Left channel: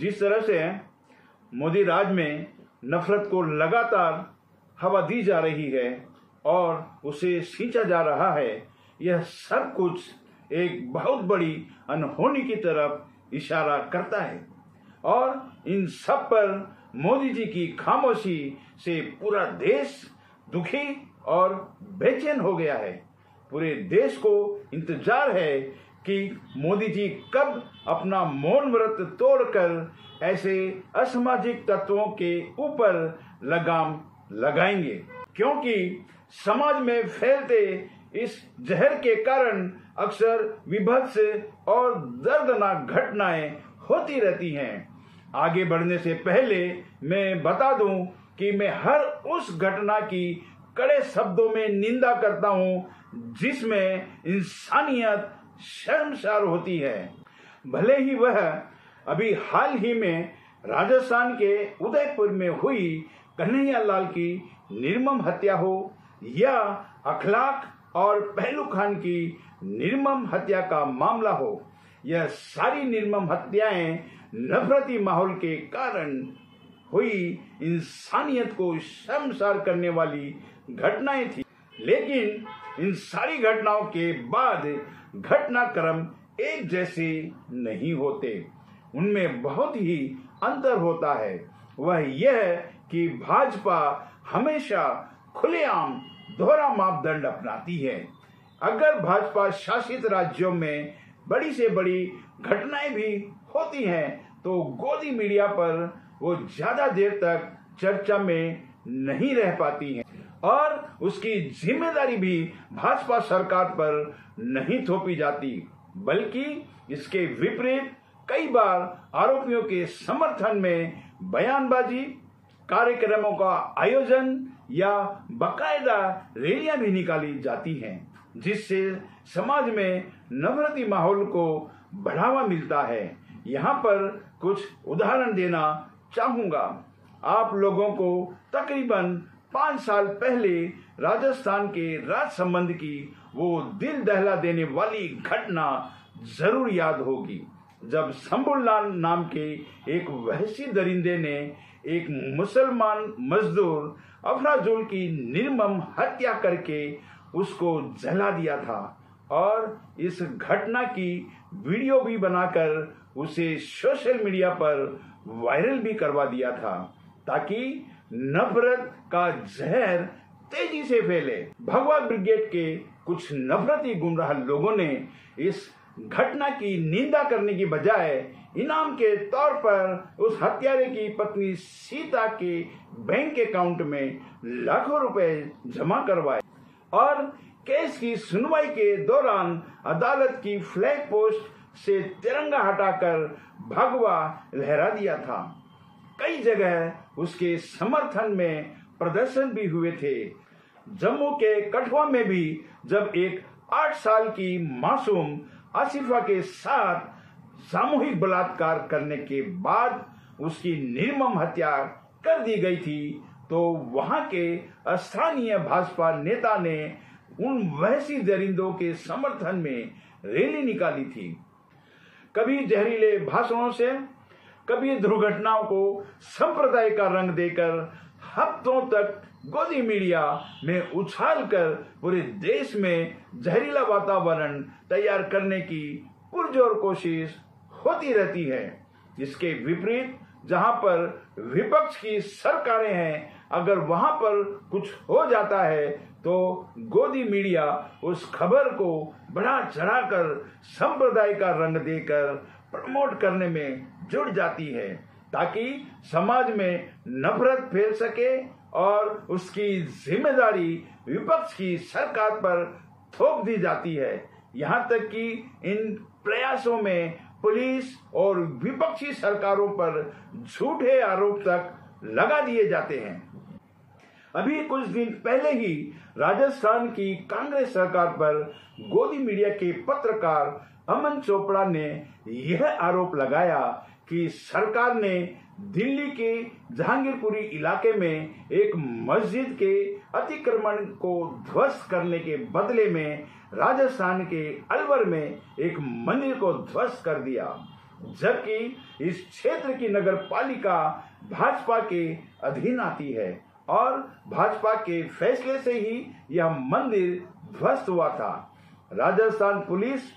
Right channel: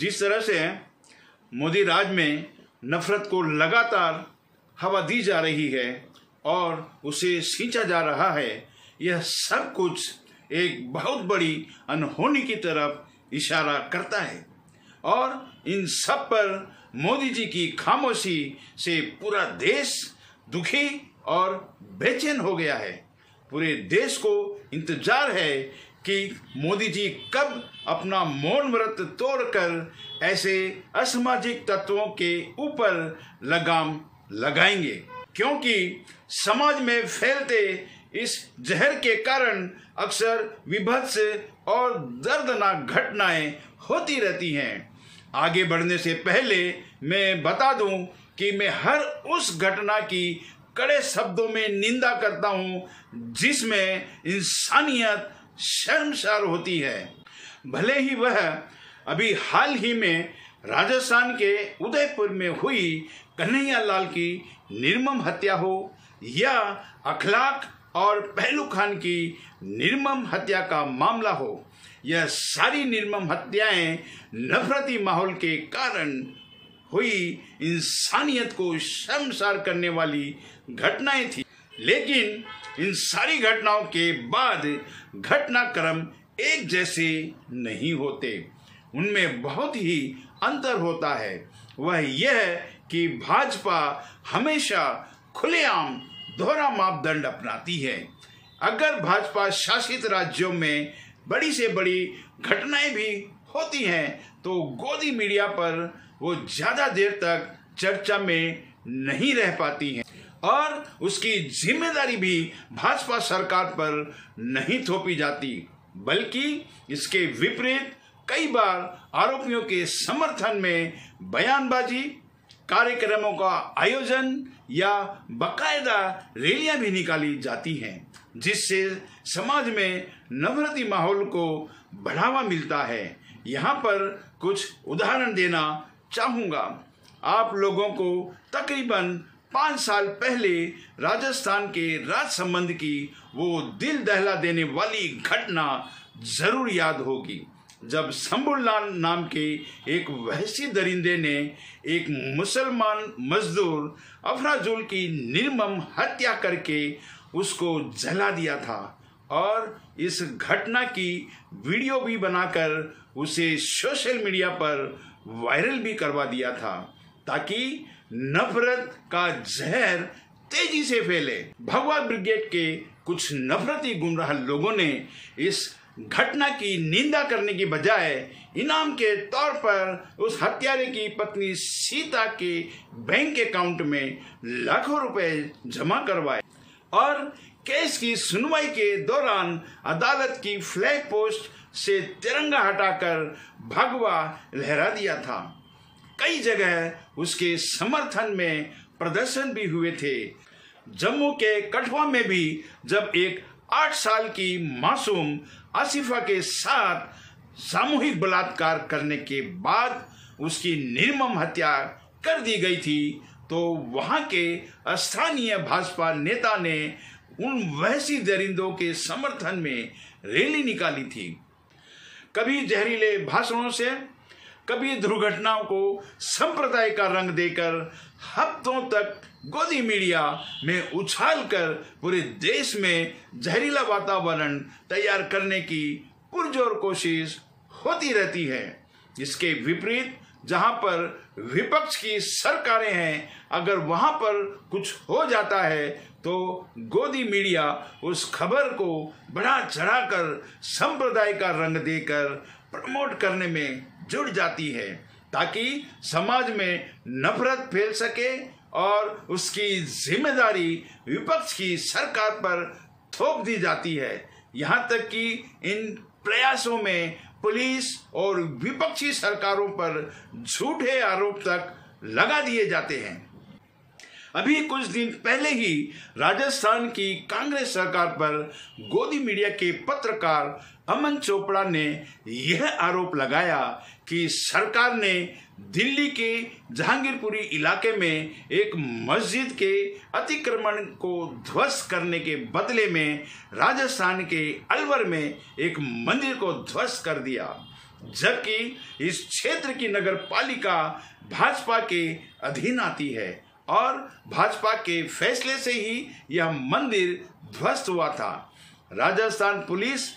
जिस तरह से मोदी राज में नफरत को लगातार हवा दी जा रही है और उसे सींचा जा रहा है, यह सब कुछ एक बहुत बड़ी अनहोनी की तरफ इशारा करता है। और इन सब पर मोदी जी की खामोशी से पूरा देश दुखी और बेचैन हो गया है। पूरे देश को इंतजार है कि मोदी जी कब अपना मौन व्रत तोड़कर ऐसे असामाजिक तत्वों के ऊपर लगाम लगाएंगे, क्योंकि समाज में फैलते इस जहर के कारण अक्सर विभत्स और दर्दनाक घटनाएं होती रहती हैं। आगे बढ़ने से पहले मैं बता दूं कि मैं हर उस घटना की कड़े शब्दों में निंदा करता हूं जिसमें इंसानियत शर्मसार होती है। भले ही वह अभी हाल ही में राजस्थान के उदयपुर में हुई कन्हैया लाल की निर्मम हत्या हो या अखलाक और पहलू खान की निर्मम हत्या का मामला हो, यह सारी निर्मम हत्याएं नफरती माहौल के कारण हुई इंसानियत को शर्मसार करने वाली घटनाएं थी। लेकिन इन सारी घटनाओं के बाद घटनाक्रम एक जैसे नहीं होते, उनमें बहुत ही अंतर होता है। वह यह कि भाजपा हमेशा खुलेआम दोहरा मापदंड अपनाती है। अगर भाजपा शासित राज्यों में बड़ी से बड़ी घटनाएं भी होती हैं तो गोदी मीडिया पर वो ज्यादा देर तक चर्चा में नहीं रह पाती हैं और उसकी जिम्मेदारी भी भाजपा सरकार पर नहीं थोपी जाती, बल्कि इसके विपरीत कई बार आरोपियों के समर्थन में बयानबाजी, कार्यक्रमों का आयोजन या बकायदा रैलियां भी निकाली जाती हैं, जिससे समाज में नफरती माहौल को बढ़ावा मिलता है। यहाँ पर कुछ उदाहरण देना चाहूँगा। आप लोगों को तकरीबन 5 साल पहले राजस्थान के राजसमंद की वो दिल दहला देने वाली घटना जरूर याद होगी, जब शंभूलाल नाम के एक वहशी दरिंदे ने एक मुसलमान मजदूर अफराजुल की निर्मम हत्या करके उसको जला दिया था और इस घटना की वीडियो भी बनाकर उसे सोशल मीडिया पर वायरल भी करवा दिया था, ताकि नफरत का जहर तेजी से फैले। भगवा ब्रिगेड के कुछ नफरती गुमराह लोगों ने इस घटना की निंदा करने की बजाय इनाम के तौर पर उस हत्यारे की पत्नी सीता के बैंक अकाउंट में लाखों रुपए जमा करवाए और केस की सुनवाई के दौरान अदालत की फ्लैग पोस्ट से तिरंगा हटाकर भगवा लहरा दिया था। कई जगह उसके समर्थन में प्रदर्शन भी हुए थे। जम्मू के कठुआ में भी जब एक 8 साल की मासूम आसिफा के साथ सामूहिक बलात्कार करने के बाद उसकी निर्मम हत्या कर दी गई थी, तो वहां के स्थानीय भाजपा नेता ने उन वहशी दरिंदों के समर्थन में रैली निकाली थी। कभी जहरीले भाषणों से, कभी दुर्घटनाओं को संप्रदाय का रंग देकर हफ्तों तक गोदी मीडिया में उछालकर पूरे देश में जहरीला वातावरण तैयार करने की पुरजोर कोशिश होती रहती है। इसके विपरीत जहां पर विपक्ष की सरकारें हैं, अगर वहां पर कुछ हो जाता है तो गोदी मीडिया उस खबर को बढ़ा चढ़ाकर संप्रदाय का रंग देकर प्रमोट करने में जुड़ जाती है, ताकि समाज में नफरत फैल सके और उसकी जिम्मेदारी विपक्ष की सरकार पर थोप दी जाती है। यहाँ तक कि इन प्रयासों में पुलिस और विपक्षी सरकारों पर झूठे आरोप तक लगा दिए जाते हैं। अभी कुछ दिन पहले ही राजस्थान की कांग्रेस सरकार पर गोदी मीडिया के पत्रकार अमन चोपड़ा ने यह आरोप लगाया कि सरकार ने दिल्ली के जहांगीरपुरी इलाके में एक मस्जिद के अतिक्रमण को ध्वस्त करने के बदले में राजस्थान के अलवर में एक मंदिर को ध्वस्त कर दिया। जबकि इस क्षेत्र की नगर पालिका भाजपा के अधीन आती है और भाजपा के फैसले से ही यह मंदिर ध्वस्त हुआ था। राजस्थान पुलिस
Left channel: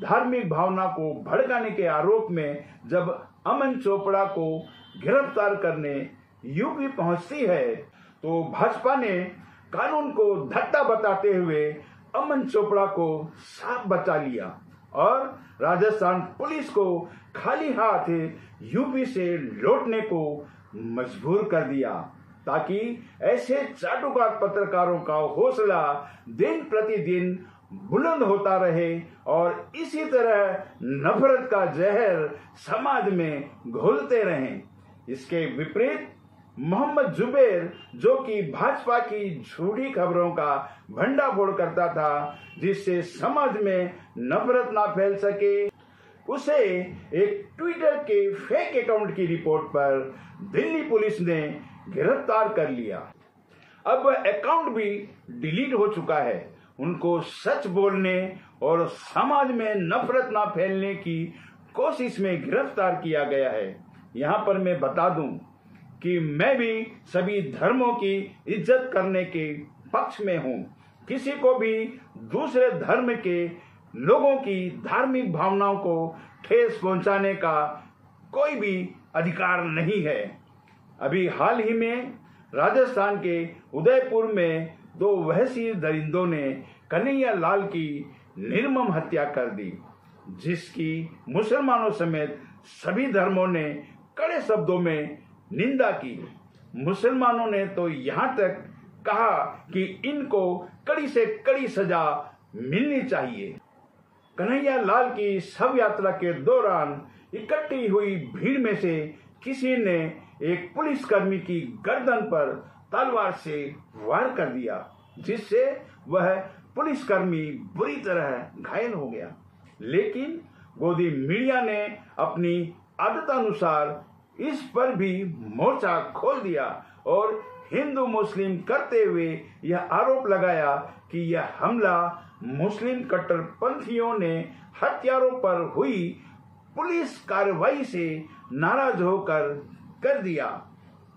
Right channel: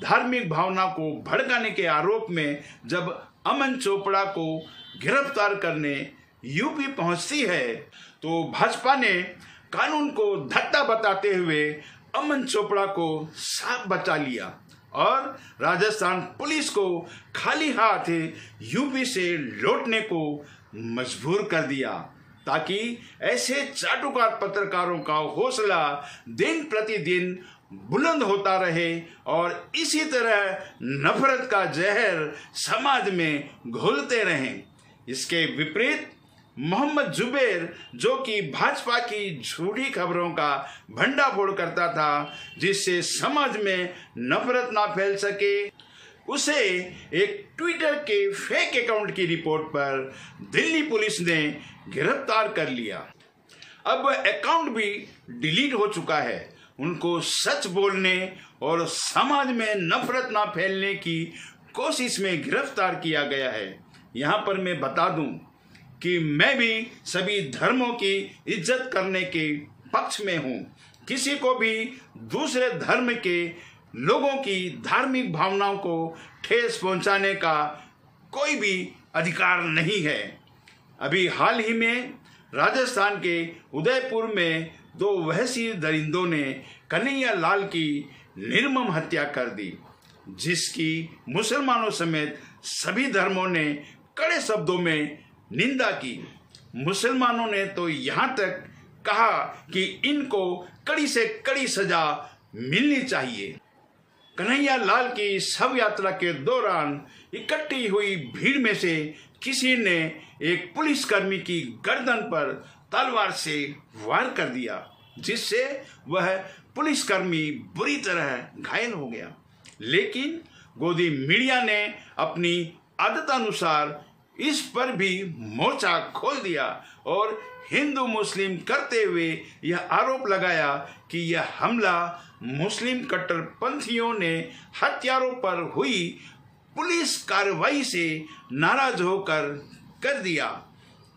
धार्मिक भावना को भड़काने के आरोप में जब अमन चोपड़ा को गिरफ्तार करने यूपी पहुंचती है तो भाजपा ने कानून को धत्ता बताते हुए अमन चोपड़ा को साफ बचा लिया और राजस्थान पुलिस को खाली हाथ यूपी से लौटने को मजबूर कर दिया, ताकि ऐसे चाटुकार पत्रकारों का हौसला दिन प्रतिदिन बुलंद होता रहे और इसी तरह नफरत का जहर समाज में घोलते रहें। इसके विपरीत मोहम्मद जुबैर, जो कि भाजपा की झूठी खबरों का भंडाफोड़ करता था जिससे समाज में नफरत ना फैल सके, उसे एक ट्विटर के फेक अकाउंट की रिपोर्ट पर दिल्ली पुलिस ने गिरफ्तार कर लिया। अब अकाउंट भी डिलीट हो चुका है। उनको सच बोलने और समाज में नफरत ना फैलने की कोशिश में गिरफ्तार किया गया है। यहाँ पर मैं बता दूं कि मैं भी सभी धर्मों की इज्जत करने के पक्ष में हूँ। किसी को भी दूसरे धर्म के लोगों की धार्मिक भावनाओं को ठेस पहुंचाने का कोई भी अधिकार नहीं है। अभी हाल ही में राजस्थान के उदयपुर में 2 वहशी दरिंदों ने कन्हैया लाल की निर्मम हत्या कर दी, जिसकी मुसलमानों समेत सभी धर्मों ने कड़े शब्दों में निंदा की। मुसलमानों ने तो यहाँ तक कहा कि इनको कड़ी से कड़ी सजा मिलनी चाहिए। कन्हैया लाल की शव यात्रा के दौरान इकट्ठी हुई भीड़ में से किसी ने एक पुलिसकर्मी की गर्दन पर तलवार से वार कर दिया, जिससे वह पुलिसकर्मी बुरी तरह घायल हो गया। लेकिन गोदी मीडिया ने अपनी आदतानुसार इस पर भी मोर्चा खोल दिया और हिंदू मुस्लिम करते हुए यह आरोप लगाया कि यह हमला मुस्लिम कट्टरपंथियों ने हत्यारों पर हुई पुलिस कार्रवाई से नाराज होकर कर दिया,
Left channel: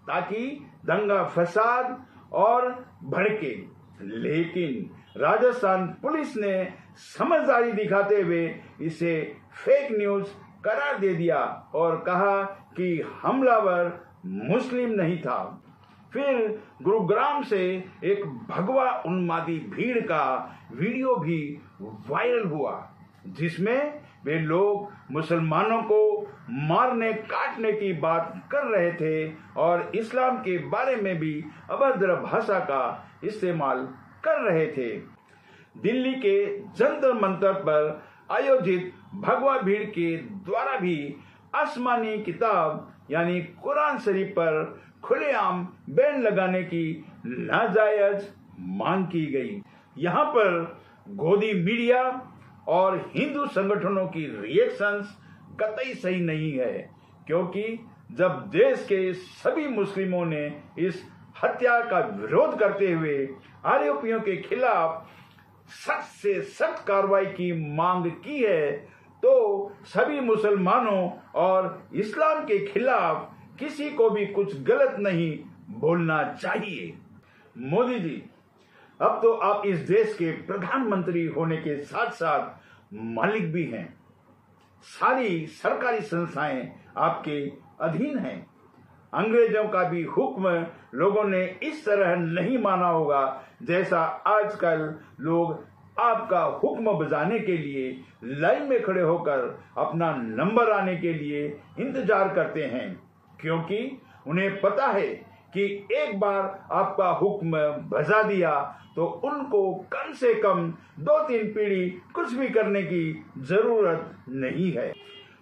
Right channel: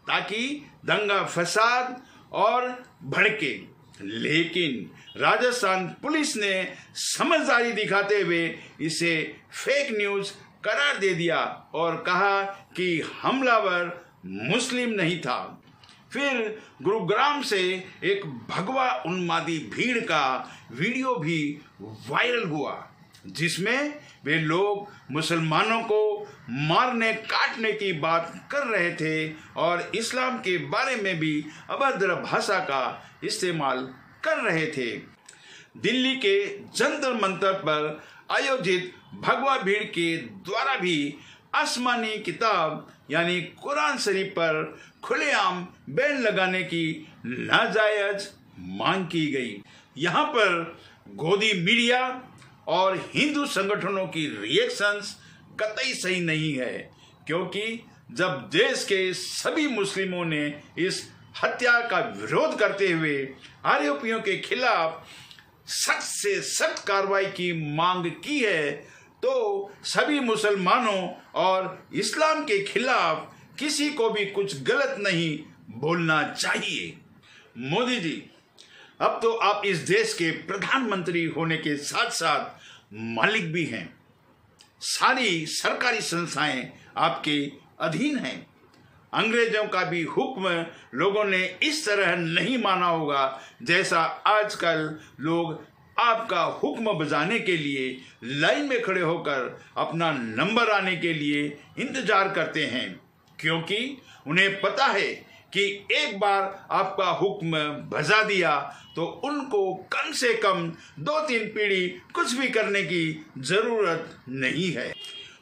ताकि दंगा फसाद और भड़के। लेकिन राजस्थान पुलिस ने समझदारी दिखाते हुए इसे फेक न्यूज करार दे दिया और कहा कि हमलावर मुस्लिम नहीं था। फिर गुरुग्राम से एक भगवा उन्मादी भीड़ का वीडियो भी वायरल हुआ, जिसमें वे लोग मुसलमानों को मारने काटने की बात कर रहे थे और इस्लाम के बारे में भी अभद्र भाषा का इस्तेमाल कर रहे थे। दिल्ली के जंतर मंतर पर आयोजित भगवा भीड़ के द्वारा भी आसमानी किताब यानी कुरान शरीफ पर खुलेआम बैन लगाने की नाजायज मांग की गई। यहाँ पर गोदी मीडिया और हिंदू संगठनों की रिएक्शंस कतई सही नहीं है, क्योंकि जब देश के सभी मुस्लिमों ने इस हत्या का विरोध करते हुए आरोपियों के खिलाफ सख्त से सख्त कार्रवाई की मांग की है, तो सभी मुसलमानों और इस्लाम के खिलाफ किसी को भी कुछ गलत नहीं बोलना चाहिए। मोदी जी, अब तो आप इस देश के प्रधानमंत्री होने के साथ साथ मालिक भी हैं। सारी सरकारी संस्थाएं आपके अधीन हैं। अंग्रेजों का भी हुक्म लोगों ने इस तरह नहीं माना होगा जैसा आजकल लोग आपका हुक्म बजाने के लिए लाइन में खड़े होकर अपना नंबर आने के लिए इंतजार करते हैं, क्योंकि उन्हें पता है कि एक बार आपका हुक्म बजा दिया तो उनको कम से कम 2-3 पीढ़ी कुछ भी करने की जरूरत नहीं है।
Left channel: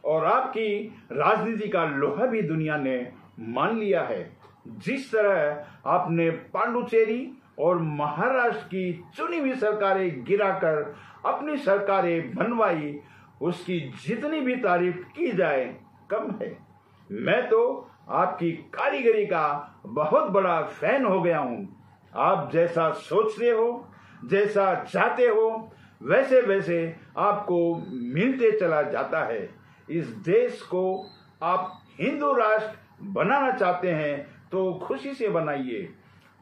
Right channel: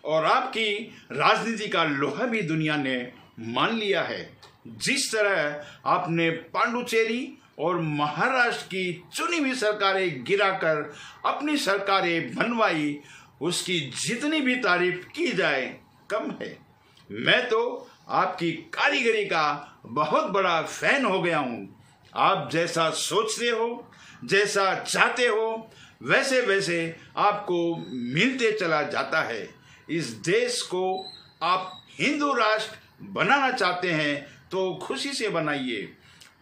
और आपकी राजनीति का लोहा भी दुनिया ने मान लिया है। जिस तरह आपने पांडुचेरी और महाराष्ट्र की चुनी हुई सरकारें गिराकर अपनी सरकारें बनवाई, उसकी जितनी भी तारीफ की जाए कम है। मैं तो आपकी कारीगरी का बहुत बड़ा फैन हो गया हूँ। आप जैसा सोचते हो, जैसा चाहते हो, वैसे वैसे आपको मिलते चला जाता है। इस देश को आप हिंदू राष्ट्र बनाना चाहते हैं तो खुशी से बनाइए,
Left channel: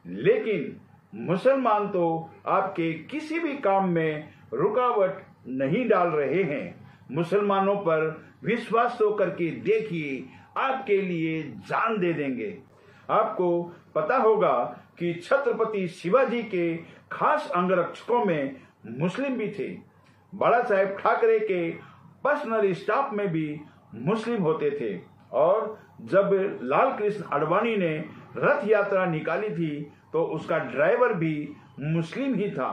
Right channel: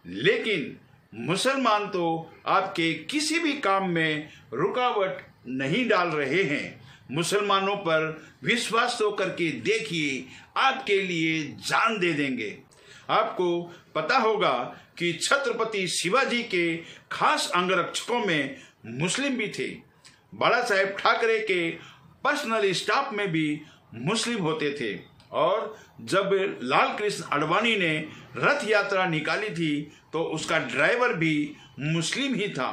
लेकिन मुसलमान तो आपके किसी भी काम में रुकावट नहीं डाल रहे हैं। मुसलमानों पर विश्वास तो करके देखिए, आपके लिए जान दे देंगे। आपको पता होगा कि छत्रपति शिवाजी के खास अंगरक्षकों में मुस्लिम भी थे। बाला साहेब ठाकरे के पर्सनल स्टाफ में भी मुस्लिम होते थे, और जब लाल कृष्ण आडवाणी ने रथ यात्रा निकाली थी तो उसका ड्राइवर भी मुस्लिम ही था।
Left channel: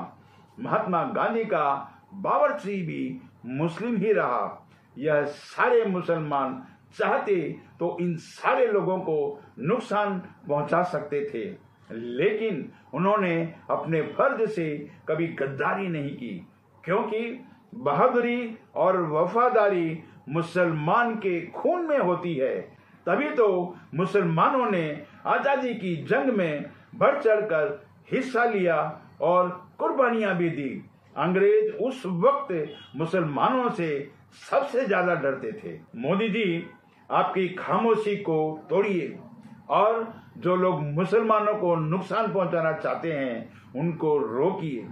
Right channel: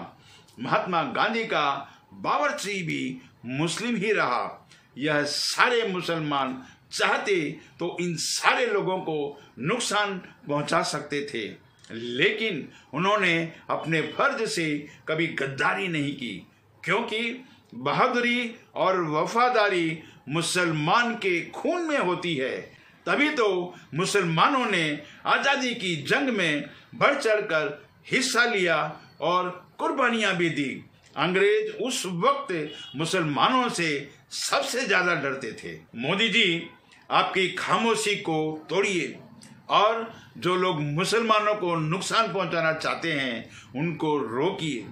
महात्मा गांधी का बावर्ची भी मुस्लिम ही रहा। यह सारे मुसलमान चाहते तो इन सारे लोगों को नुकसान पहुंचा सकते थे, लेकिन उन्होंने अपने फर्ज से कभी गद्दारी नहीं की, क्योंकि बहादुरी और वफादारी मुसलमान के खून में होती है। तभी तो मुसलमानों ने आज़ादी की जंग में बढ़ चढ़कर हिस्सा लिया और कुर्बानियां भी दी। अंग्रेज उस वक्त मुसलमानों से सबसे ज्यादा डरते थे। मोदी जी, आपकी खामोशी को तोड़िए और जो लोग मुसलमानों को नुकसान पहुंचाना चाहते हैं उनको रोकिए।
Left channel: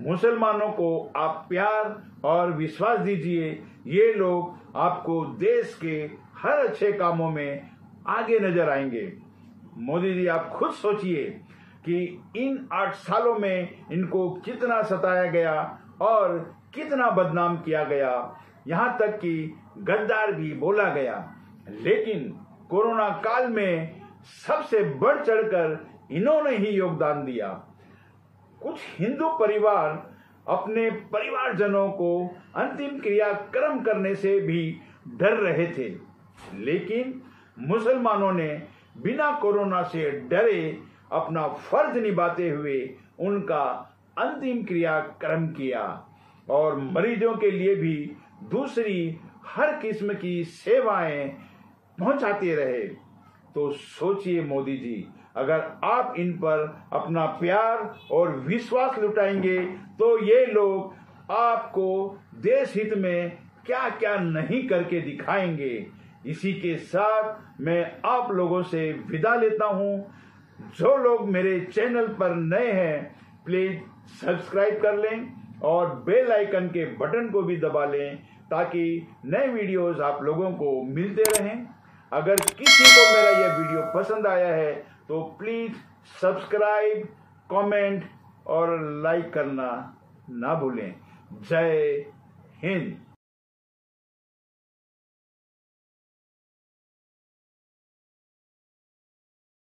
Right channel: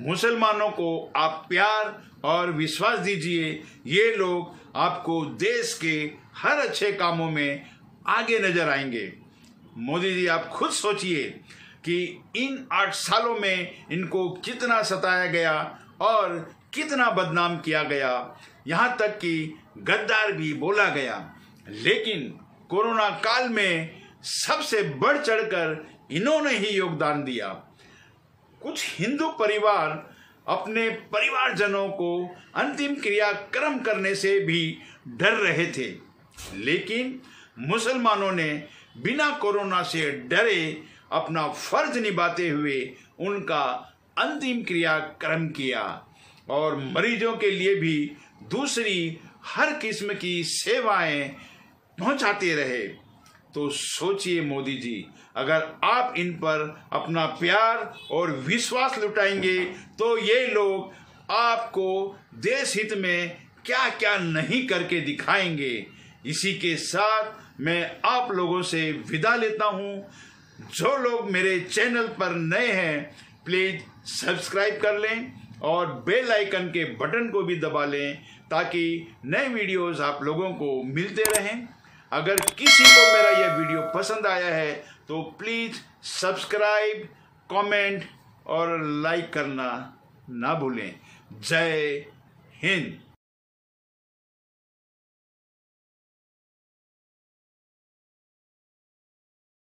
मुसलमानों को आप प्यार और विश्वास दीजिए। ये लोग आपको देश के हर अच्छे कामों में आगे नजर आएंगे। मोदी जी, आप खुद सोचिए कि इन 8 सालों में इनको कितना सताया गया और कितना बदनाम किया गया, यहाँ तक कि गद्दार भी बोला गया। लेकिन कोरोना काल में सबसे बढ़ चढ़कर इन्होंने ही योगदान दिया। कुछ हिंदू परिवार अपने परिवारजनों को अंतिम क्रियाक्रम करने से भी डर रहे थे, लेकिन मुसलमानों ने बिना कोरोना से डरे अपना फर्ज निभाते हुए उनका अंतिम क्रियाक्रम किया और मरीजों के लिए भी दूसरी हर किस्म की सेवाएं पहुंचाते रहे। तो सोचिए मोदी जी, अगर आप इन पर अपना प्यार और विश्वास लुटाएंगे तो ये लोग आपको देश हित में क्या क्या नहीं करके दिखाएंगे। इसी के साथ मैं आप लोगों से विदा लेता हूँ। जो लोग मेरे चैनल पर नए हैं प्लीज सब्सक्राइब कर लें और बेल आइकन के बटन को भी दबा लें ताकि नए वीडियोस आप लोगों को मिलते रहें। अगर किसी को मेरा यह वीडियो पसंद आया है तो प्लीज सब्सक्राइब, कमेंट और लाइक करना ना भूलें। जय हिंद।